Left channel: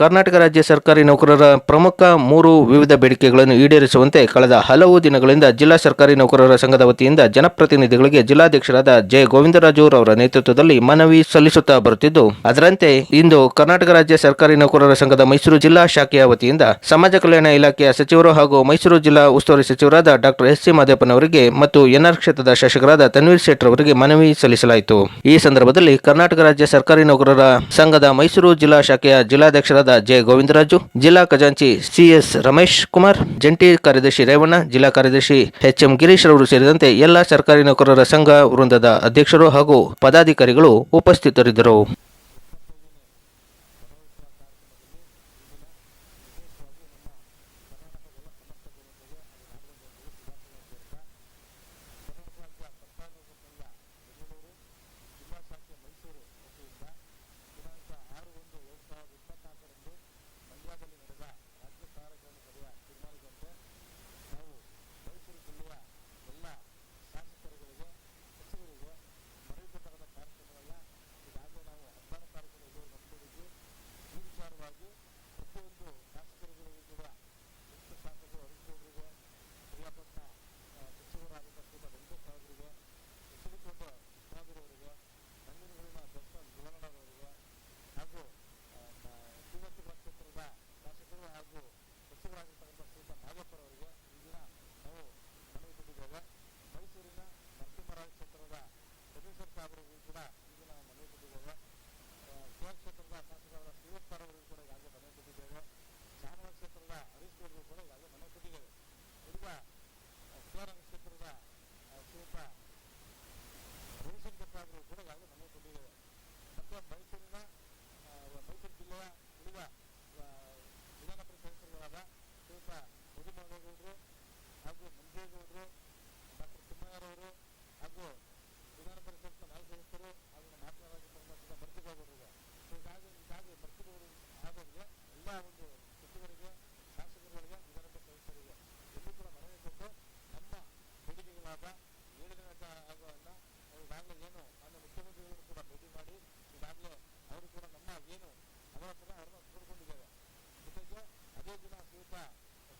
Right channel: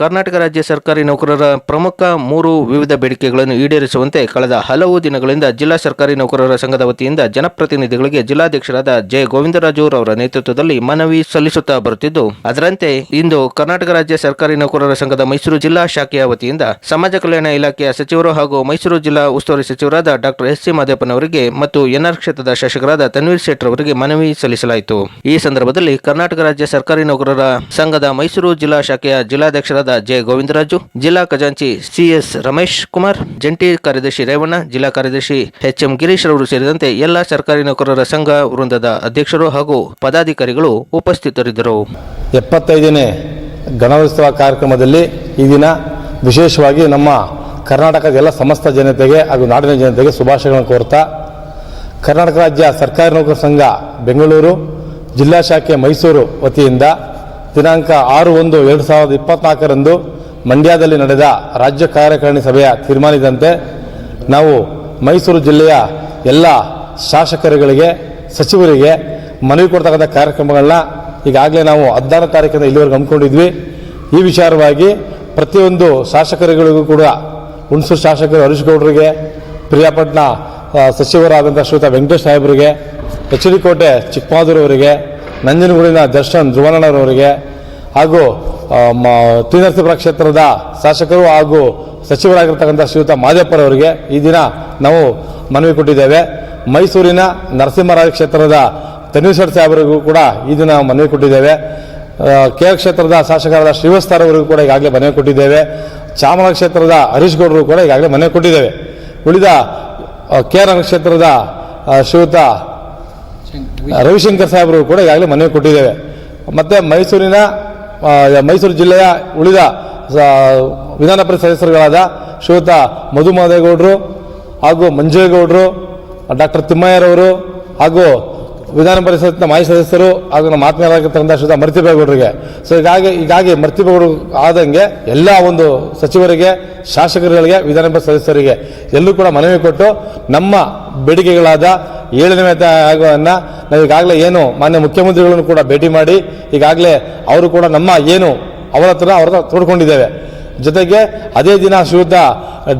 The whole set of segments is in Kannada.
ಕರ್ನಾಟಕ ರಾಜ್ಯ ಸರ್ಕಾರಿ ನೌಕರರ ಪ್ರಮುಖ ಮೂರು ವಿವಿಧ ಬೇಡಿಕೆಗಳನ್ನು ಈಡೇರಿಸುವಂತೆ ಕಳೆದ ಹಲವು ದಿನಗಳಿಂದ ಜಿಲ್ಲಾ ಸರ್ಕಾರಿ ನೌಕರರ ಸಂಘದ ವತಿಯಿಂದ ಜನಪ್ರತಿನಿಧಿಗಳಿಗೆ ಜಿಲ್ಲಾಧ್ಯಕ್ಷರಾದ ಜೆ ಗೋವಿಂದರಾಜು ಅವರ ನೇತೃತ್ವದಲ್ಲಿ ಮನವಿ ಸಲ್ಲಿಸುತ್ತಾ ಬರುತ್ತಿದ್ದು, ಅದರಂತೆ ಇಂದು ಕರ್ನಾಟಕ ರಾಜ್ಯ ಸರ್ಕಾರಿ ನೌಕರರ ಸಂಘದ ಮೈಸೂರು ಜಿಲ್ಲಾ ಶಾಖೆಯ ವತಿಯಿಂದ ಸಮಾಜ ಕಲ್ಯಾಣ ಇಲಾಖೆಯ ಸಚಿವರು ಹಾಗೂ ಮೈಸೂರು ಜಿಲ್ಲಾ ಉಸ್ತುವಾರಿ ಸಚಿವರಾದ ಡಾಕ್ಟರ್ ಎಸ್ ಸಿ ಮಾದೇಪ್ಪನವರಿಗೆ ಮತ್ತು ಎನ್ಆರ್ ಕ್ಷೇತ್ರದ ಶಾಸಕರಾದ ತನ್ವೀರ್ ಶೆಟ್ಟರ್ ಅವರಿಗೆ ಮನವಿ ಸಲ್ಲಿಸಲಾಯಿತು. ಈ ಸಂದರ್ಭದಲ್ಲಿ ಕರ್ನಾಟಕ ರಾಜ್ಯ ಸರ್ಕಾರಿ ನೌಕರರ ಸಂಘದ ಮೈಸೂರು ಜಿಲ್ಲಾ ಶಾಖೆಯ ಜಿಲ್ಲಾಧ್ಯಕ್ಷರಾದ ಜೆ ಗೋವಿಂದರಾಜು, ಜಿಲ್ಲಾ ಖಜಾಂಚಿ ಸಿಎಸ್ ರಮೇಶ್ ಕುಮಾರ್, ಜಂಟಿ ಕಾರ್ಯದರ್ಶಿ ರೇವಣ್ಣ, ಜಿಲ್ಲಾ ಕಾರ್ಯದರ್ಶಿ ಎಚ್ ಎಂ ಗಿರೀಶ್ ರವರು ಸೇರಿದಂತೆ ಎಲ್ಲಾ ಸರ್ಕಾರಿ ನೌಕರರ ಸಂಘ ವೃಂದದ ಅಧ್ಯಕ್ಷರು ಹಾಗೂ ಪದಾಧಿಕಾರಿಗಳು ಉಪಸ್ಥಿತರಿದ್ದರು. ಎಪ್ಪತ್ತೈದನೇ ಗಣೋತ್ಸವ ಕಾರ್ಯಕ್ರಮದಲ್ಲಿ ಈ ದಿನ ವಿಶೇಷವಾಗಿ ನಮ್ಮ ಕರ್ನಾಟಕದ ಎಲ್ಲ ಸಮಸ್ತ ಜನತೆಗೆ ಹಾಗೂ ನಾಡಿನ ಜನತೆಗೆ ಶುಭಾಶಯಗಳನ್ನು ಕೋರ್ತಾ, ಕರ್ನಾಟಕ ರಾಜ್ಯ ಸರ್ಕಾರಿ ನೌಕರ ಸಂಘ ಬೆಂಗಳೂರು, ಜಿಲ್ಲಾ ಶಾಖೆ ಮೈಸೂರು ವತಿಯಿಂದ ದಿನಾಂಕ ಆರು ಒಂದು ಎರಡು ಸಾವಿರದ ಇಪ್ಪತ್ನಾಲ್ಕರಂದು ಮಂಡ್ಯದಲ್ಲಿ ನಡೆದ ರಾಜ್ಯ ಕಾರ್ಯಕಾರಿಣಿ ಸಭೆಯ ತೀರ್ಮಾನಿದಂತೆ ನಾವು ಮೈಸೂರು ಜಿಲ್ಲೆಯ ಎಲ್ಲ ಶಾಸಕರುಗಳಿಗೆ ಸಚಿವರಿಗೆ ಮನವಿ ಕೊಡ್ತಕ್ಕಂಥ ಕಾರ್ಯಕ್ರಮಗಳನ್ನ ಈಗಾಗಲೇ ನಾವು ಹದಿನಾರು ತಾರೀಕಿಂದ ಇಲ್ಲಿವರೆಗೆ ಹಮ್ಮಿಕೊಂಡಿದ್ವಿ. ಈ ವಿಚಾರವಾಗಿ ಪ್ರತಿಯೊಂದು ಶಾಸಕರುಗಳಿಗೂ ಕೂಡ ಹುಣಸೂರು ಶಾಸಕರು ಹರೀಶ್ ಗೌಡರಿಗೆ ಪ್ರಿಯಾಪಟ್ನ ಆ, ಸಚಿವರಾದಂಥ ಶ್ರೀತ ವೆಂಕಟೇಶ್ ಸಾಹೇಬರಿಗೆ ಎಚ್ ಡಿ ಕೋಟೆ ಚಿಕ್ಕಮಾದೂರವರಿಗೆ ನಂಜನಗೂಡಿನ ದರ್ಶನ್ ಧ್ರುವನಣ್ಣರವರಿಗೆ ಹಾಗೂ ಟಿ ಕ್ಷೇತ್ರದ ಶಾಸಕರು ಹಾಗೂ ಸಚಿವರಾಗಿರ್ತಕ್ಕಂಥ ಶ್ರೀಯುತ ಮಾದೇಪ್ಪರವರಿಗೆ ಈ ದಿನ ನಾವು ಮನವಿ ಕೊಟ್ಟಿದ್ದೇವೆ. ಮೈಸೂರಿನ ನರಸಿಂಹರಾಜ ಕ್ಷೇತ್ರದ ತನ್ವೀಶ್ವರ್ ಸಾಹೇಬರಿಗೂ ಕೂಡ ಈ ದಿನ ಮನವಿ ಕೊಟ್ಟಿದ್ದೇವೆ. ಕೆ ಕ್ಷೇತ್ರದ ಶಾಸಕರಾದ ಶ್ರೀವಸ್ತಾರವರಿಗೂ ಕೂಡ ಈಗಾಗಲೇ ಮನವಿ ಕೊಟ್ಟಿದ್ದೇವೆ. ಚಾಮರಾಜ ಕ್ಷೇತ್ರದ ಹರೀಶ್ ಗೌಡರು ಕೂಡ ಈಗಾಗಲೇ ಮನವಿ ಕೊಟ್ಟಿದ್ದೇವೆ. ಉಳಿದ ಕೆ ಕ್ಷೇತ್ರದ ಶ್ರೀಯುತ ರವಿಶಂಕರ್ ಸಾಹೇಬರು ಕೂಡ ಈಗಾಗಲೇ ಮನವಿ ಕೊಟ್ಟಿದ್ದೇವೆ. ಮತ್ತೆ ಮೈಸೂರಿನ ಮೈಸೂರು ಜಿಲ್ಲೆಯ ಉಳಿದ ವಿಧಾನ ಪರಿಷತ್ ಸದಸ್ಯರುಗಳಾದ ಶ್ರೀಯುತ ಮಧು ಮಾದೇಗೌಡರು ಹಾಗೂ ಮಂಜೇಗೌಡರು, ಡಾಕ್ಟರ್ ತಿಮ್ಮಯ್ಯರವರು ಹಾಗೂ ವಿಧಾನ ಪರಿಷತ್ನ ಮಾಜಿ ಸದಸ್ಯರು ಹಾಗೂ ನಮ್ಮ ಆತ್ಮೀಯರಾಗಿರ್ತಕ್ಕಂಥ ಶ್ರೀಯುತ ಮರ್ತಿಬೇಗೌಡರಿಗೆ. ಸೊ ಹೀಗಾಗಿ ಹೀಗಾಗಿ ಮರ್ತಿಬೇಗೌಡರು ಆದಂಗೆ ಎಲ್ಲ ಒಂದು ಸಚಿವರಿಗೆ, ಶಾಸಕರುಗಳಿಗೆ, ವಿಧಾನ ಪರಿಷತ್ ಸದಸ್ಯರಿಗೆ ಎಲ್ಲೂ ಕೂಡ ಮನವಿ ಕೊಟ್ಟು ನಮ್ಮ ಬೇಡಿಕೆಗಳಾದ ಏಳನೇ ವೇತನ ಆಯೋಗವನ್ನು ನಾವು ಈಗಾಗಲೇ ಏನು ಮಾನ್ಯ ಮುಖ್ಯಮಂತ್ರಿಗಳನ್ನು ಕೂಡ ಭೇಟಿ ಮಾಡಿ ಈಗಾಗಲೇ ಅವರು ಕೂಡ ನಮ್ಮ ಏನು ಅವರ ಹತ್ರ ಅವ್ರ ತೋಡ್ಕೊಂಡಿದ್ದೇವೆ. ಜೊತೆಗೆ ಅದೇ ದಿನ ಶ್ರೀಯುತ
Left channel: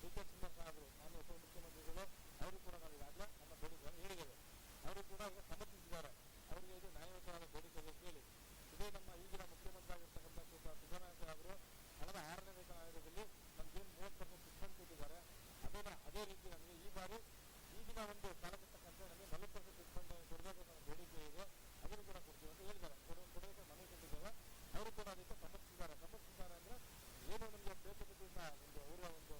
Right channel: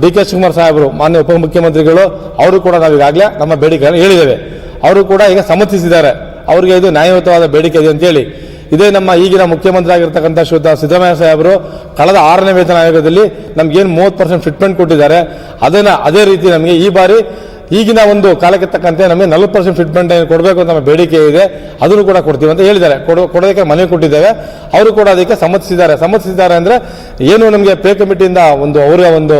ಡಿ ಕೆ ಶಿವಕುಮಾರ್ ಸಾಹೇಬರು, ಮಾನ್ಯ ಉಪಮುಖ್ಯಮಂತ್ರಿಗಳು ಅವರು ಕೂಡ ನಾವು ಈಗಾಗಲೇ ನಮ್ಮ ಬೇಡಿಕೆಗಳನ್ನು ಹೇಳಿದ್ದೇವೆ. ಅವರು ಕೂಡ ಈಗ ಸಮರ್ಥಿಸಿದ್ದಾರೆ. ಅವರಿಗೆ ಇದು ನ್ಯಾಯಯುತವಾದ ಬೇಡಿಕೆ ಇದೆ ಅಂತೇಳಿ. ಇದೇ ನಮ್ಮ ಈಗಿನ ಮುಖ್ಯಮಂತ್ರಿ ಆಗಿರ್ತಕ್ಕಂಥ ಶ್ರೀಯುತ ಸಿದ್ದರಾಮಯ್ಯ ಸಾಹೇಬರು ಕಳೆದ ಆರನೇ ವೇತನ ಆಯೋಗದಲ್ಲಿ ನಮ್ಗೇನು ಮೂವತ್ತು ಪರ್ಸೆಂಟ್ ಫಿಟ್ಮೆಂಟ್ ಕೊಟ್ಟಿದ್ದಾರೆ. ಅದನ್ನು ಅದೇ ರೀತಿ ನಮಗೆ ಈ ಬಾರಿ ಈಗಿನ ಒಂದು ಕಾಲಕ್ಕೆ ತಕ್ಕಂತೆ ನಮಗೆ ನಲವತ್ತು ಪರ್ಸೆಂಟ್ ಫಿಟ್ಮೆಂಟ್ ಕೊಡಬೇಕು ಅಂತ ನಮ್ಮ ಬೇಡಿಕೆ ಇದೆ. ಅದನ್ನು ಕೂಡ ಕೊಡ್ತೀವಿ ಅಂತ ಹೇಳಿದ್ದಾರೆ. ಕೊಡೋ, ಕೊಡೋದಕ್ಕೆ ಮನವಿ ಕೊಟ್ಟಿದ್ದೇವೆ. ಅವರು ಕೂಡ ಅದಕ್ಕೆ ಸಮ್ಮತಿಸಿದ್ದಾರೆ. ಸಮ್ಮತಿಸಿದ್ದಾರೆ ಅಂದರೆ ಏನು ನಮಗೆ ಪೇ ಕಮಿಟಿಯಿಂದ ಒಂದು ಅವರ ಒಂದು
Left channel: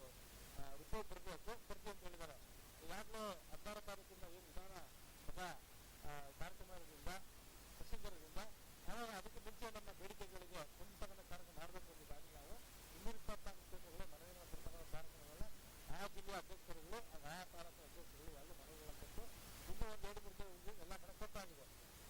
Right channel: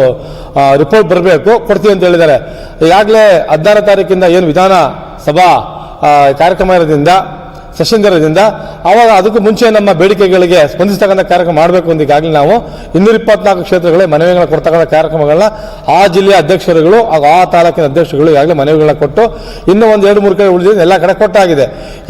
ರಿಪೋರ್ಟ್ ಬರಬೇಕು, ಕೊಡ್ತೀವಿ ಅಂತ ಹೇಳಿದ್ದಾರೆ. ಈಗಾಗಲೇ ಹದಿನಾರು ತಾರೀಕಿಂದ ಏನು ವಿಧಾನ ಸಭಾ ಕಾರ್ಯಕ್ರಮ ಇರೋದ್ರಿಂದ ಸೆಷನ್ ಇರೋದ್ರಿಂದ ಅವಾಗ ಅದಕ್ಕೂ ಮುಂಚೆ ನಮ್ಮ ಬೇಡಿಕೆಗಳಿಗೆ ಸ್ಪಂದಿಸ್ತಕ್ಕಂಥ ಕಾರ್ಯಕ್ರಮ ಮಾಡಬೇಕು ಅಂತ ನಾವು. ಇನ್ನೂರ ಇಪ್ಪತ್ನಾಲ್ಕು ಕ್ಷೇತ್ರಗಳೇ ಮನವಿಗಳನ್ನ ಕೊಡ್ತಕ್ಕಂಥ ಕಾರ್ಯಕ್ರಮಗಳನ್ನ ಆ ಜಿಲ್ಲೆಯ ಅಧ್ಯಕ್ಷರುಗಳು ಹಾಗೂ ಆ ತಾಲೂಕಿನ ಅಧ್ಯಕ್ಷರುಗಳು ಈಗಾಗಲೇ ಮನವಿಗಳನ್ನ ಕೊಟ್ಟು ಇನ್ನೂ ಒಂದು ಎರಡು ಮೂರು ಕಡೆ ಉಳಿದಿದೆ, ಎಲ್ಲ ಕಡೆ ಕೊಟ್ಟಾಗಿದೆ.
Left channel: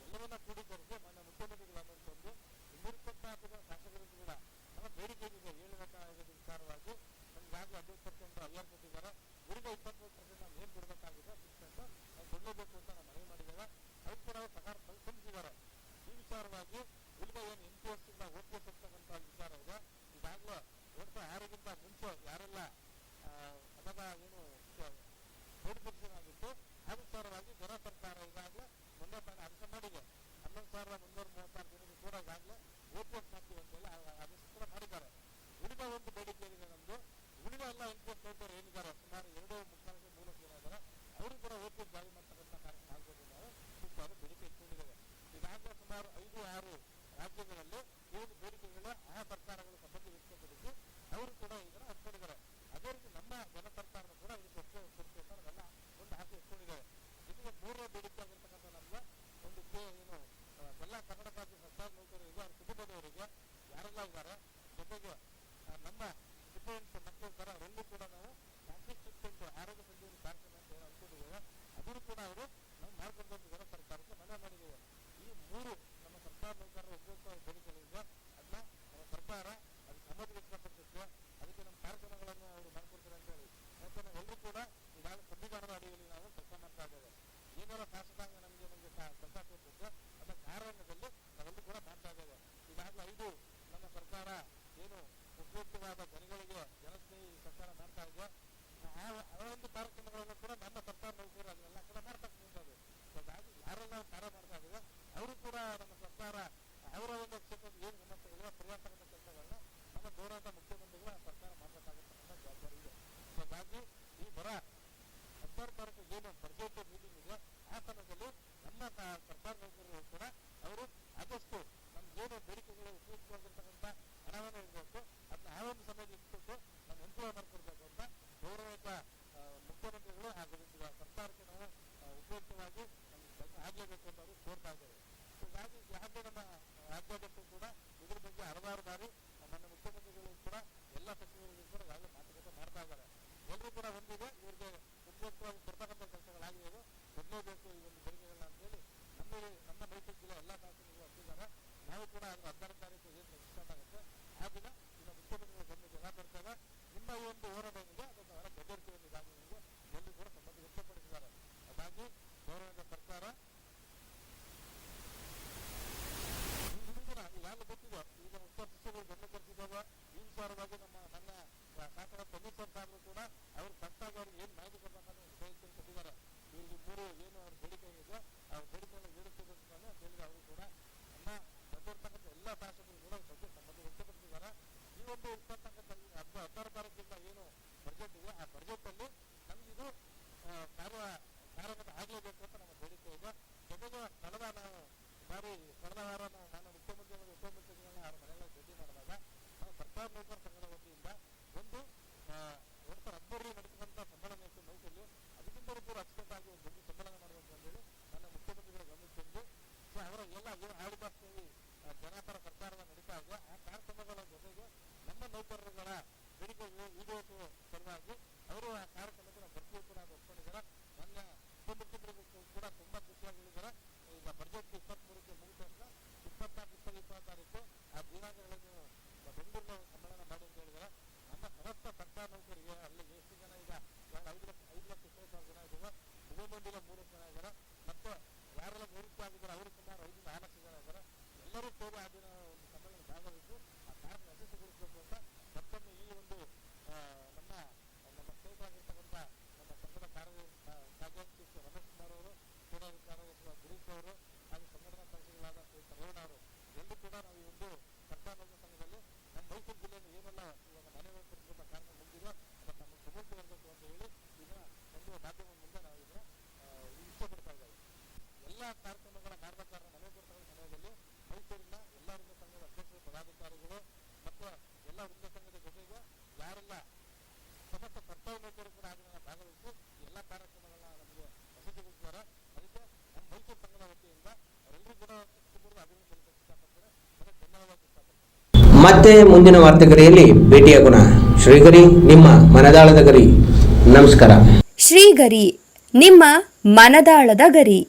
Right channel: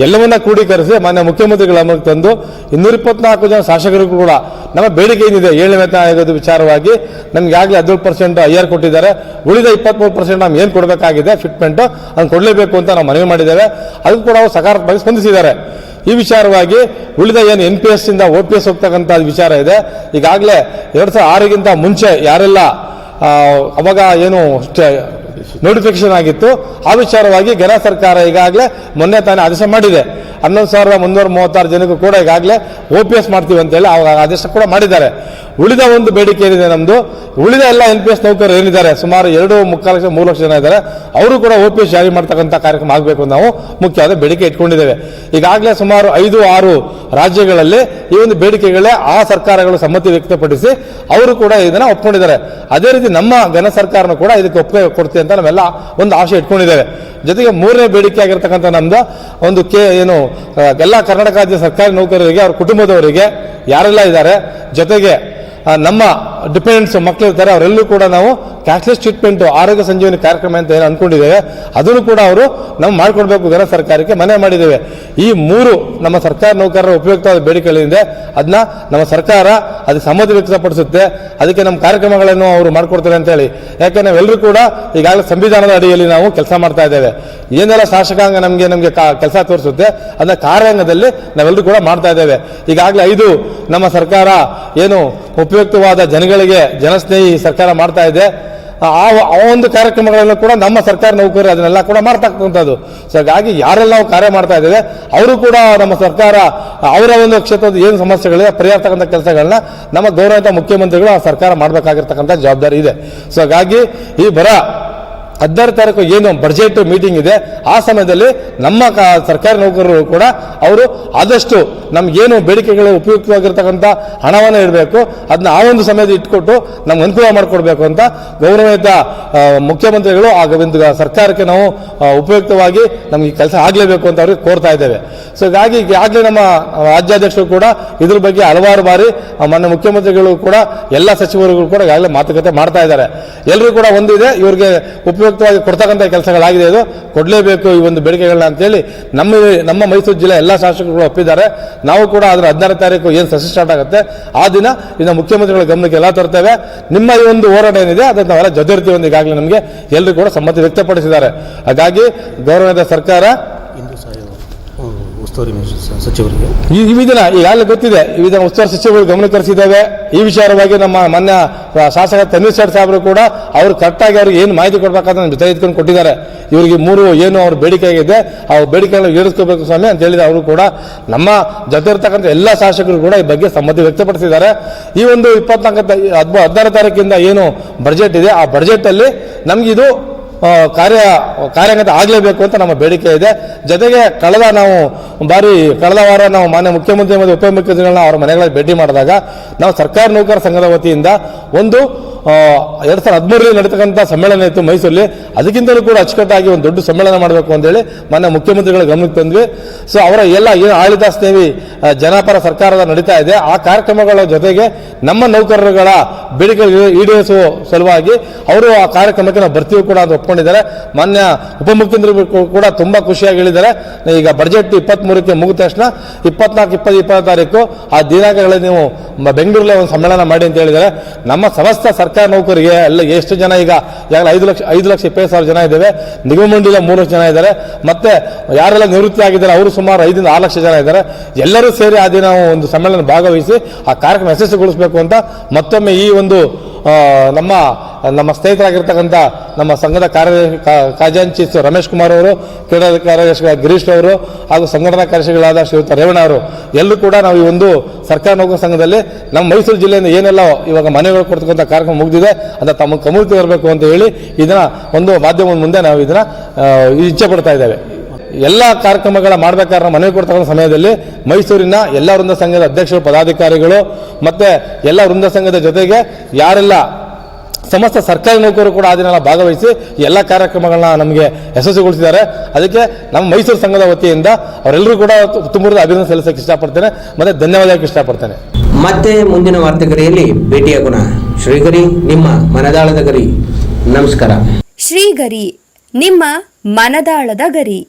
ಎಲ್ಲವನ್ನ ಕ್ರೋಢೀಕರಿಸಿ ಮಾನ್ಯ ಮುಖ್ಯಮಂತ್ರಿಗಳ ತಂದು ಇನ್ನೂರ ಇಪ್ಪತ್ನಾಲ್ಕು ಜನ ಶಾಸಕರು ಕೂಡ ನಮ್ಮ ಬೇಡಿಕೆ ಏನಿದೆ ಏಳನೇ ವೇತನ ಆಯೋಗದ ವಿಚಾರವಾಗಿ ನಮ್ಗೆ ಆಗಲೇ ಹದಿನೇಳು ಪರ್ಸೆಂಟ್ ಐ ಆರ್ ಕೊಟ್ಟಿದ್ದಾರೆ. ಉಳಿದ ಇಪ್ಪತ್ಮೂರು ಪರ್ಸೆಂಟ್ ನಾವು ಏನು ಕೊಡಬೇಕಾಗಿದೆ ಫಿಟ್ಮೆಂಟ್ ಅದನ್ನು ಕೊಡಲೇಬೇಕು ಅಂತ ನಾವು ಮನವಿ ಮಾಡಿದ್ದೇವೆ. ಅದಕ್ಕೂ ಕೂಡ ಅವರು ಸಕಾರಾತ್ಮಕವಾಗಿ ಸ್ಪಂದಿಸಿದ್ದಾರೆ. ಈ ವಿಚಾರವಾಗಿ ಉಳಿದ ಏನು ಎನ್ ಪಿ ಎಸ್ ಇಂದ ಓ ಪಿ ಎಸ್ ಹೋಗ್ತಕ್ಕಂಥ ವಿಚಾರ ಇದೆ. ಈಗಾಗಲೇ ಎರಡು ಸಾವಿರದ ಆರಿಗಿಂತ ಮುಂಚೆ ಯಾರೆಲ್ಲ ಅವಾಗ ಏನು ನೋಟಿಫಿಕೇಶನ್ ಆಗಿತ್ತು. ಆ ವಿಚಾರವಾಗಿ ಗೆರ ಸರ್ಕಾರ ಈಗಾಗಲೇ ಮೊನ್ನೆ ತಾನೇ ಆದೇಶ ಮಾಡಿದೆ. ಹನ್ನೊಂದು ಸಾವಿರದ ಮುನ್ನೂರ ಮೂವತ್ತಾರು ಜನಕ್ಕೂ ಕೂಡ ಈಗಾಗಲೇ ಒ ಪಿ ಎಸ್ ಮಾಡ್ತೀವಿ ಅಂತೇಳಿ ಅವಾಗ ಆದೇಶ ಕೂಡ ಮಾಡಿದ್ದಾರೆ. ಉಳಿದ ಒಂದು ಬೇಡಿಕೆ ಏನಿದೆ ನಮ್ಮದು ಉಳಿದ ಎಲ್ಲ ಎನ್ ಪಿ ಎಸ್ ನೌಕರರು ಏನಿದ್ದಾರೆ? ಸುಮಾರು ಎರಡು ಮುಕ್ಕಾಲು ಲಕ್ಷ, ಮೂರು ಲಕ್ಷ ಜನ ಇದ್ದಾರೆ. ಅವರು ಕೂಡ ಒ ಪಿ ಎಸ್ ಜಾರಿ ಮಾಡ್ತಕ್ಕಂಥ ಕಾರ್ಯಕ್ರಮ ಆಗಬೇಕು ನಾವು ಮುಖ್ಯವಾದ ಬೇಡಿಕೆ ಇಟ್ಕೊಂಡಿದ್ದೇವೆ. ಈಗಾಗಲೇ ಸುಮಾರು ಐದು, ಆರು ರಾಜ್ಯಗಳಲ್ಲಿ ಈ ಒಂದು ಬೇಡಿಕೆಗಳೇ ಆ ಸರ್ಕಾರಗಳು ಸಮ್ಮತಿ ವ್ಯಕ್ತಪಡಿಸಿ ಅವರು ಕೂಡ ಇದನ್ನ ಒಪ್ಕೊಂಡಿದ್ದಾರೆ. ಅದೇ ರೀತಿ ನಮ್ಮ ಘನ ಸರ್ಕಾರನೂ ಕೂಡ ಇದಕ್ಕೆ ಒಪ್ಪಿಗೆ ಕೊಡ್ತೀವಿ ಅಂತ ನಾವೆಲ್ಲ ಒಂದು ಆಶೆ ಇಟ್ಕೊಂಡಿದ್ದೇವೆ. ಜೊತೆಗೆ ಮೂರನೇ ಬೇಡಿಕೆ ಆಗಿರ್ತಕ್ಕಂಥ ನಮ್ದು ಒಂದು ಕೆ, ಏನು ಎಲ್ಲ ಕರ್ನಾಟಕ ರಾಜ್ಯ ಸರ್ಕಾರಿ ನೌಕರರಿಗೆ, ಅವ್ರ ಕುಟುಂಬದವರಿಗೆ ಯಾರೆಲ್ಲ ಇದ್ದಾರೆ, ಜೊತೆಗೆ ನಮ್ಮ ಡಿಪೆಂಡೆಂಟ್ಸ್ ಮಕ್ಕಳು ಇರ್ತಾರೆ ಅವರೆಲ್ಲೂ ಕೂಡ ನಾವು ಕ್ಯಾಶ್ಲೆಸ್ ಟ್ರೀಟ್ಮೆಂಟ್ ಆರೋಗ್ಯ ಸಂಜೀವನಿ ಕಾರ್ಯಕ್ರಮ ಅಂತ ಏನು ಅಂದ್ಕೊಂಡಿದ್ದೇವೆ ಅದನ್ನು ಕೂಡ ಅವರು ನಾವು ಮಾಡ್ಕೊಡ್ಬೇಕು ಜನ ಸರ್ಕಾರಕ್ಕೆ ಮನೆ ಮಾಡಿದ್ದೇವೆ. ಈ ಮೂರು ನಮ್ಮ ಸರ್ಕಾರ ನೌಕರರ ಉಪಯುಕ್ತವಾದ ಬೇಡಿಕೆಗಳಿಂದ ಅದನ್ನ ನಮ್ಮ ಸರ್ಕಾರ ಅದಕ್ಕೆ ಸಮ್ಮತಿ ವ್ಯಕ್ತಪಡಿಸುತ್ತೆ. ಅದಕ್ಕೆ ನಮ್ಮ ಕಾರ್ಯಕ್ರಮಗಳನ್ನು ಅವರು ಮಾಡ್ಕೊಡ್ತಾರೆ ಅಂತ ಹೇಳಿ. ಯಾಕೆ ನಾವೆಲ್ಲರೂ ಕೂಡ ಈಗಾಗಲೇ ಸಂವಿಧಾನದ ಅಡಿಯಲ್ಲಿ ನಾವು ಕೆಲಸ ಮಾಡ್ತಾ ಇದ್ದೇವೆ. ಏನೆಲ್ಲ ಶಾಸಕಾಂಗ ನಮಗೆ ನಮಗೆ ಕೆಲಸ ತೋರಿಸುತ್ತೆ, ಅದನ್ನ ಕಾರ್ಯಾಂಗದಲ್ಲಿ ನಾವೆಲ್ಲರೂ ಕೂಡ ಮಾಡ್ತಾ ಇದ್ದೇವೆ. ಈಗಾಗಲೇ ಐದು ನಮ್ಮ ಸರ್ಕಾರ ಏನು ಉಪಯುಕ್ತವಾದ ಜನಗಳಿಗೆ ಜನಸ್ನೇಹಿ ಸರ್ಕಾರ ಮಾಡ್ತಾ ಇದೆ. ಆ ಆ ಒಂದು ಕಾರ್ಯಕ್ರಮಗಳನ್ನು ಕೂಡ ನಮ್ಮ ಸರ್ಕಾರ ನೌಕರರು ಅದನ್ನೆಲ್ಲ ಕೂಡ ಮಾಡ್ತಕ್ಕಂಥದ್ದು. ಸೊ ಹಾಗಾಗಿ ಯಾರೆಲ್ಲ ಕಾರ್ಯ ಮಾಡ್ತಾ ಇದ್ದೇವೆ, ಅವರು ಕೂಡ ನಮ್ಮ ಸರ್ಕಾರ, ಅವರ ಒಂದು ಕ್ಷೇತ್ರದ ಏನು ಸಮಸ್ಯೆಗಳಿದೆ, ಪರಿಹರಿಸ್ತಕ್ಕಂಥ ಕೆಲಸಗಳನ್ನ ನಮ್ಮ ಗೌರವಿತ ಮುಖ್ಯಮಂತ್ರಿಗಳು ಆ ಸರ್ಕಾರ ಮಾಡಬೇಕಾಗಿರ್ತಕ್ಕಂಥ ಜವಾಬ್ದಾರಿ ಇದೆ. ಸೊ ಹಾಗಾಗಿ ಈ ಬರ ಹದಿನಾರು ತಾರೀಕು ಏನು ಬಜೆಟ್ ಮೀಟಿಂಗ್ ಇದೆ, ಆ ಸಮಯದಲ್ಲಿ ನಮ್ಮ ಸರ್ಕಾರಿ ನೌಕರರು ಕೂಡ ಅವರು ಆದಷ್ಟು ನಮ್ಗೇನು ಬೇಡಿಕೆಗಳು ಉಪಯುಕ್ತವಾಗಿರ್ತಕ್ಕಂಥ ಹಣವನ್ನು ಇಡಬೇಕು ಅದನ್ನ ಆ ಒಂದು ಸಮಯದಲ್ಲಿ ಇಟ್ಕೊಟ್ಟು ನಮ್ಗೆ ಅನುಕೂಲ ಮಾಡಿಕೊಡ್ಬೇಕು ಅಂತ ಗೌರವಿತ ಮುಖ್ಯಮಂತ್ರಿಗಳು ಒಂದು ಸರ್ಕಾರಕ್ಕೆ ನಾವು ಉಪಯುಕ್ತವಾಗಿ ನಮ್ಗೆ ಕೆಲಸ ಆಗಲೇಬೇಕು ಅಂತ ಅವ್ರಿಗೆ ಕೋರ್ತಾ ಇದ್ದೇವೆ. ಸೊ ಹೀಗಾಗಿ ಈಗಾಗಲೇ ನಮ್ಮ ರಾಜ್ಯಾಧ್ಯಕ್ಷರು ಕೂಡ ಇದ್ರ ಬಗ್ಗೆ ಹಲವಾರು ಬಾರಿ ಮಾನ್ಯ ಮುಖ್ಯಮಂತ್ರಿಗಳು ಕೂಡ ಎಲ್ಲ ಸಚಿವರುಗಳು ಕೂಡ ಈಗಾಗಲೇ ಮಾತುಕತೆ ಮಾಡ್ತಾ ಇದ್ದಾರೆ. ಎಲ್ಲರೂ ಕೂಡ ಒಂದಿದೆ, ಇವ್ರಿಗೆ ಉಪಯುಕ್ತವಾಗಿ ಕೊಡ್ತಕ್ಕಂಥ ಕೆಲಸಗಳಾಗಿದೆ ಇದು. ಕೊಡಲೇಬೇಕು ಈ ಒಂದು ಬೇಡಿಕೆಗಳನ್ನ ಅಂತೇಳಿ ನಮ್ಮ ನಮ್ಮ ಮೈಸೂರು ಜಿಲ್ಲೆ ಎಲ್ಲ ಶಾಸಕರು ಒಪ್ಪಿದ್ದಾರೆ. ನಾವು ಕೂಡ ಅದರ ಹದಿನಾರು ತಾರೀಕು ಏನು ಸಸಿ ಸ್ಟಾರ್ಟ್ ಆಗುತ್ತೆ, ಆ ದಿನ ಇನ್ನು ಮುಖ್ಯಮಂತ್ರಿಗಳ ಗಮನಕ್ಕೆ ಎಲ್ಲ ತರ್ತೇವೆ. ನಿಮ್ಮ ಈ ಒಂದು ಹೋರಾಟ ಏನಿದೆ, ಅದನ್ನು ನಾವೆಲ್ಲ ಜೊತೆ ಇರ್ತೀವಿ ಅಂತ ಈಗಾಗಲೇ ನಮಗೆ. ಎಲ್ಲರೂ ಕೂಡ ಸಮ್ಮತಿ ವ್ಯಕ್ತಪಡಿಸಿದ್ದಾರೆ. ಹಾಗಾಗಿ ಗೌರವದ ಸರ್ಕಾರ ಉಸ್ತುವಾರಿ ಸಚಿವರಿಗೆ. ಈ ದಿನ ಈಗಾಗಲೇ ಗೊತ್ತಿದೆ. ಈ ದಿನ ಉಸ್ತುವಾರಿ ಸಚಿವರು ಗಮನ ತರಿಸಿದ್ದೇವೆ ಈ ವಿಚಾರವಾಗಿ ನಮ್ಮ ಮಾನ್ಯ ಶಾಸಕ ತನ್ವೀರ್ ಸೇಠ್ ಸಾಹೇಬರು ಕೂಡ ಅವರು ಕರೆಕ್ಟಾಗಿ ಅವ್ರಿಗೆ ಏನು ಮಾಹಿತಿ ಕೊಡ್ಬೇಕಂತ ನಮ್ಮ ಜೊತೆ ಕೊಟ್ಟಿದ್ದಾರೆ. ಇವರಿಗೆ ಮೂರು ಏನು ಅವ್ರ ಬೇಡಿಕೆ ಆಗಿದೆ, ಆ ಬೇಡಿಕೆಗಳನ್ನು ಈಡೇರಿಸ್ಕೋಬೇಕು ಸ್ವಾಮಿ ಅಂತ ಹೇಳಿದ ಅವರು ಕೂಡ ನಮ್ಮ ಜೊತೆ ಇರ್ತಕ್ಕಂಥ ಎಲ್ಲ ಶಾಸಕರು ಕೂಡ ಈ ಬಗ್ಗೆ ಸಮ್ಮತಿ ವ್ಯಕ್ತಪಡಿಸಿದ್ದಾರೆ. ಈ ಒಂದು ಇಪ್ಪತ್ನಾಲ್ಕು ಹದಿನಾರು ತಾರೀಕಿಂದ ಏನು ಬಜೆಟ್ ಇದೆ, ಆ ಬಜೆಟ್ ಅಲ್ಲಿ ನಮ್ಗಿದು ಕಾರ್ಯ ಕಾರ್ಯಗತ ಆಗಲೇಬೇಕು ಅಂತ ನಮ್ಮ ಬೇಡಿಕೆ ಇದೆ. ಜೊತೆಗೆ ಕಳೆದ ನಾವು ಬಾರಿ, ಕಳೆದ ವಾರ ನಾವು ಮಾನ್ಯ ಮುಖ್ಯಮಂತ್ರಿ ಮತ್ತು ಉಪಮುಖ್ಯಮಂತ್ರಿಗಳನ್ನ ಅವರ ಮನೆಗಳಲ್ಲಿ ಭೇಟಿ ಮಾಡಿದಾಗ ನಾವು ಸರ್ಕಾರಿ ನೌಕರ ಸಂಘದ ವತಿಯಿಂದ ಒಂದು ಎರಡು ಸಾವಿರದ ಹದಿಮೂರರಲ್ಲಿ ನಡೀತಕ್ಕಂಥ ಸಮ್ಮೇಳನ ಇತ್ತು ಮೈಸೂರಲ್ಲಿ. ಅದಕ್ಕಿಂತಲೂ ಕೂಡ ಅಚ್ಚುಕಟ್ಟಾಗಿ ಒಂದು ದೊಡ್ಡ ಸಮ್ಮೇಳನ ಮಾಡಬೇಕು ಅಂತೇಳಿ ಮಾನ್ಯ ಮುಖ್ಯಮಂತ್ರಿಗಳ ಗಮನಕ್ಕೆ ತಂದ್ವಿ. ಸೊ ಅವರ ಎಲ್ಲ ಏನು ಆಡಳಿತ ಸ್ನೇಹಿ ಜನಪರ ಸರ್ಕಾರದ ನಡೀತಾ ಇದೆ. ಆ ಕಾರ್ಯಕ್ರಮಗಳ ಜೊತೆಗೆ ನಮ್ಮ ನೌಕರರುಗಳ ಬೇಡಿಕೆ ಈಡೇರಿಸುವ ಸಲುವಾಗಿ ಅವರು ಆ ಕಾರ್ಯಕ್ರಮಕ್ಕೆ ನಾವು ಬರ್ತೀವಿ ಕೂಡ ಅಂತ ಒಪ್ಕೊಂಡಿದ್ದಾರೆ ಮಾನ್ಯ ಉಪಮುಖ್ಯಮಂತ್ರಿ ಕೂಡ ತುಂಬ ಖುಷಿಯಾಗಿ ಹೇಳಿದ್ದಾರೆ. ಈಗ ಬಜೆಟ್ ಇಪ್ಪತ್ತ್ ಮೂರಕ್ಕೆ ಮುಗಿದ ತಕ್ಷಣ ಇಪ್ಪತ್ನಾಲ್ಕು, ಇಪ್ಪತ್ತು ಇಪ್ಪತ್ತು ತಾರೀಕು ಆ ದಿನಾಂಕಗಳಲ್ಲಿ ನೀವು ಬೆಂಗಳೂರಲ್ಲೇ ಒಂದು ಸಮ್ಮೇಳನ ಮಾಡಿ ಅಂತ ಹೇಳಿದ್ದಾರೆ. ನಮ್ಮ ಸಮಸ್ತ ಸರ್ಕಾರಿ ನೌಕರಿಗೆ ಅಲ್ಲ ಎಷ್ಟು ಜನ ಈಗ ಈಗಾಗಲೇ ಐದು ಲಕ್ಷ ಐದು ಲಕ್ಷ ಇಪ್ಪತ್ತು ಸಾವಿರ ಜನ ಇದ್ದೇವೆ. ನಿಗಮ ಮಂಡಳಿಯ ಮೂರು ಲಕ್ಷ ಜನ ಇದ್ದಾರೆ. ಮತ್ತೆ ಯಾರೆಲ್ಲ ನಿವೃತ್ತಿ ಆಗಿದ್ದಾರೆ, ಅವರು ಸುಮಾರು ಐದರಿಂದ ಆರು ಲಕ್ಷ ಜನ ಇದ್ದಾರೆ. ಎಲ್ಲರೂ ಸೇರಿ ಆ ದಿನ ಒಂದು ಸಮ್ಮೇಳನ ಭಾಗವಹಿಸಿ ಆ ಕಾರ್ಯಕ್ರಮ ಯಶಸ್ವಿಗೊಳಿಸಬೇಕು ಅಂತ ಮತ್ತೊಮ್ಮೆ ಈ ಒಂದು ನಮ್ಮ ನಮ್ಮ ಸ್ನೇಹಿತರಾಗಿರ್ತಕ್ಕಂಥ ನಮ್ಮ ಸಂಘದ ಕಾರ್ಯದರ್ಶಿ ಖಜಾಂಚಿ ರಮೇಶ್ ಕುಮಾರ್ ಅವರು ಕ್ರೀಡಾ ಕಾರ್ಯದರ್ಶಿ ಗಿರೀಶ್ ಅವರು ಹಾಗೂ ಸಂಘಟನಾ ಕಾರ್ಯದರ್ಶಿಗಳಾದ ಶ್ರೀಯುತ ರೇವಣ್ಣ ಅವರು. ಎಲ್ಲರೂ ಕೂಡ ನಾವು ಈ ಒಂದು ಸರ್ಕಾರ ನೌಕರ ಸಂಘದಲ್ಲಿ ನಮ್ಮ ಮೈಸೂರು ಜಿಲ್ಲೆಯಿಂದ ಏನೆಲ್ಲ ಇವಾಗ ಮನೆಗಳು ಕೊಡ್ತಕ್ಕಂಥ ಕಾರ್ಯಕ್ರಮ ಮುಗಿದಿದೆ ಅಂತ ತಮ್ಮ ಕಮೂರ್ತಿ ಬರಬೇಕು ಅಂತ ಹೇಳಿ ಇದನ್ನ ಒಂದು ಮಾಧ್ಯಮದ ಮುಂದೆ ನಾವು ಇದನ್ನ ಇಚ್ಛೆ ಪಡ್ತಾ ಇದ್ದೇವೆ. ಎಲ್ಲ ಕಾರ್ಯಕ್ರಮಗಳ ಮಾಡಬೇಕಾದ್ರೆ ಮನವಿ ಕೊಡ್ತಕ್ಕಂಥ ಸಮಯದಲ್ಲಿ ಮೈಸೂರಿನ ಎಲ್ಲ ವೃಂದ ಸಂಘದ ಅಧ್ಯಕ್ಷರು ಪದಾಧಿಕಾರಿಗಳು ಮತ್ತೆ ಎಲ್ಲ ವೃಂದ ಸಂಘದ ಜೊತೆಗೆ ಯಾರೆಲ್ಲ ಸಮಸ್ತ ಸರ್ಕಾರಿ ನೌಕರರು ಕೂಡ ಆ ದಿನ ಭಾಗವಹಿಸಿ ಎಲ್ಲ ಕಾರ್ಯಕ್ರಮಗಳನ್ನ ನಮಗೆ ಯಶಸ್ವಿಗೊಳಿಸಿದ್ದಾರೆ. ಅದಕ್ಕೆ ನಮ್ಮ ಮೈಸೂರು ಸಂಘದ ವತಿಯಿಂದ ಅವರೆಲ್ಲರೂ ಕೂಡ ತುಂಬುರದ ಅಭಿನಂದನೆ ಸಲ್ಲಿಸಕ್ಕೆ ಇಷ್ಟಪಡ್ತೇನೆ. ಮತ್ತೆ ಧನ್ಯವಾದಕ್ಕೆ ಇಷ್ಟಪಡ್ತೇನೆ. ಮತ್ತೆ ಮುಂದಿನ ವಾರ್ತೆಗರಿಯಲ್ಲಿ ಭೇಟಿಯಾಗೋಣ ಶ್ರೀಗರಿ ನಿಮ್ಮ ಮನದಾಳದ ಗರಿ. ನಮಸ್ಕಾರ. ಶ್ರೀಗರಿ ನಿಮ್ಮ ಮನದಾಳದ ಗರಿ.